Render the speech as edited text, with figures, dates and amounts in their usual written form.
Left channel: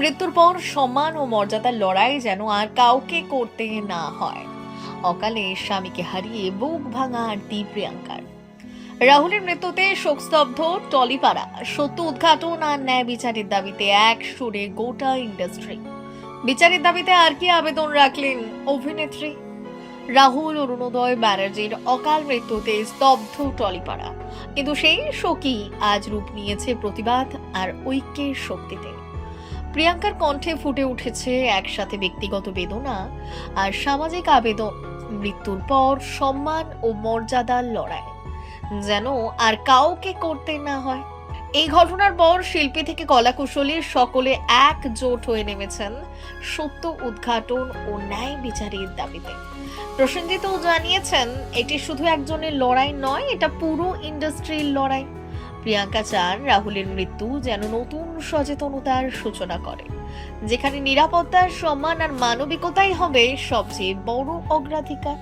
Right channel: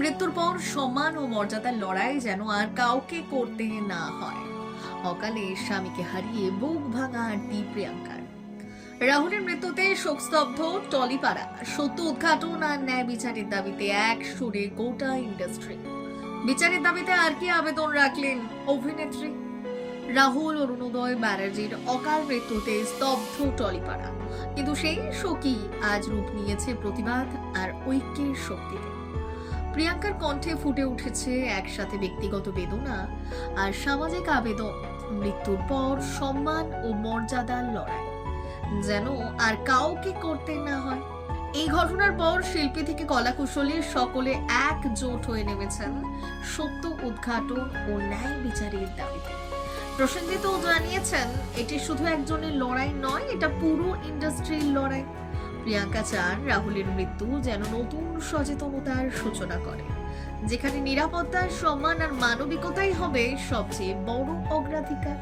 মৃত্যুর পর সম্মান ও মর্যাদার লড়াই যেন আর কাউকে করতে না হয়। অকালে স্বামীকে হারিয়ে বুক ভাঙা আরতি প্রিয়াঙ্কার। রাহুলের মৃত্যুতে শোকস্তব্ধ টলিপাড়া। সত্য উদ্ঘাটন আর ন্যায় বিচারের দাবিতে এক সুরে গোটা ইন্ডাস্ট্রি। বিচারের দাবিতে আর কি আবেদন রাখলেন অভিনেত্রী। রাহুল অরুণোদয় ব্যানার্জির অকাল মৃত্যুতে স্তব্ধ টলিপাড়া, কিন্তু সেই শোকই আজ রূপ নিয়েছে প্রতিবাদ আর ঐক্যের শক্তিতে। প্রিয়াঙ্কার কণ্ঠে ফুটে উঠেছে একসাথে ব্যক্তিগত বেদনা আর সামাজিক আবেদন। মৃত্যুর পর সম্মান ও মর্যাদার লড়াই যেন আর কাউকে করতে না হয়। এই ঘটনার পর শিল্পী থেকে কলাকুশলী সকলে একজোট হয়ে নেমেছেন সত্য উদ্ঘাটন ও ন্যায় বিচারের দাবিতে। প্রসেনজিৎ জানিয়েছেন, এটি শুধু একজনের লড়াই নয়, এটা পুরো ইন্ডাস্ট্রির লড়াই। প্রিয়াঙ্কা চান রাহুলের মৃত্যু যেন নতুন সচেতনতার সূচনা করে, যেখানে নিরাপত্তা, সম্মান আর মানবিকতাই হবে সবচেয়ে বড় অগ্রাধিকার।